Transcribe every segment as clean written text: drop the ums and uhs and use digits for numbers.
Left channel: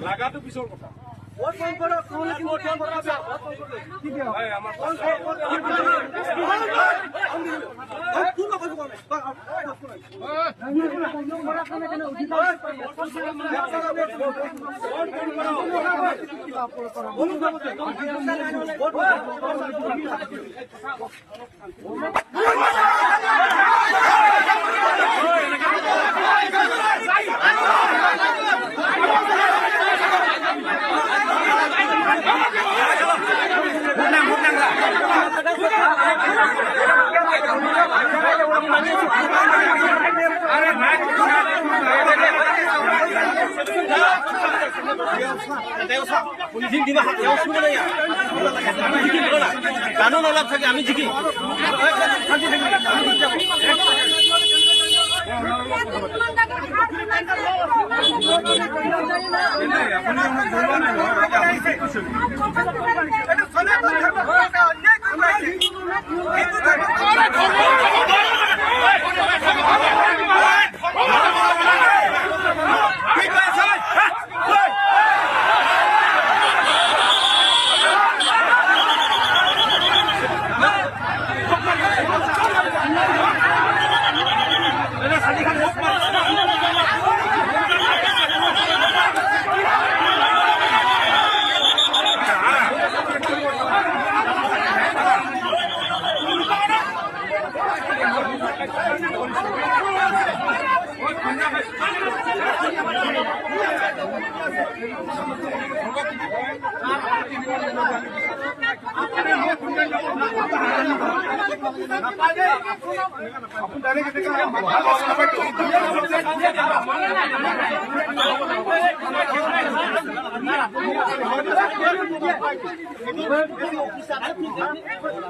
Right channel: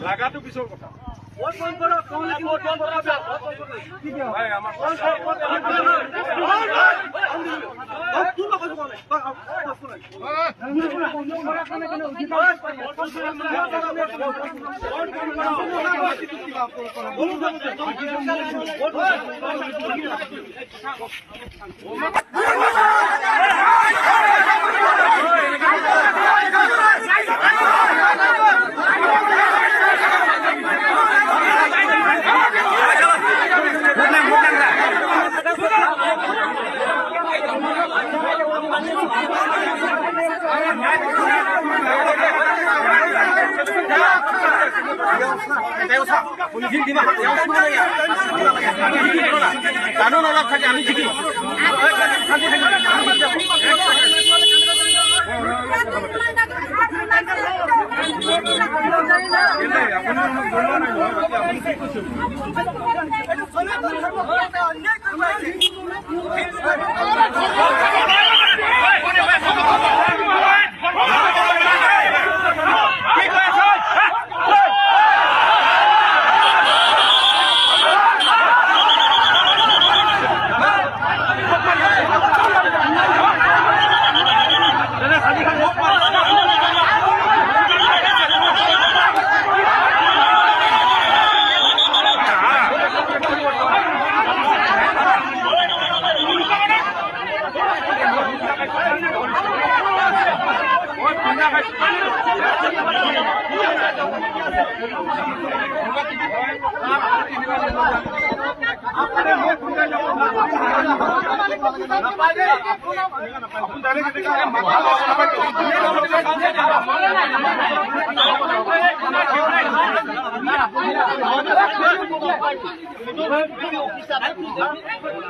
লাগাটো পিছৰ কথা ভোট বন্ধ করো কোন কি ভোট বন্ধ করবে কি দিও ভাই আমার কোন কানুন অলপ থাকে আমি জিকি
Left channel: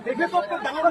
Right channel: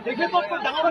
দেখে তো ডাঙৰ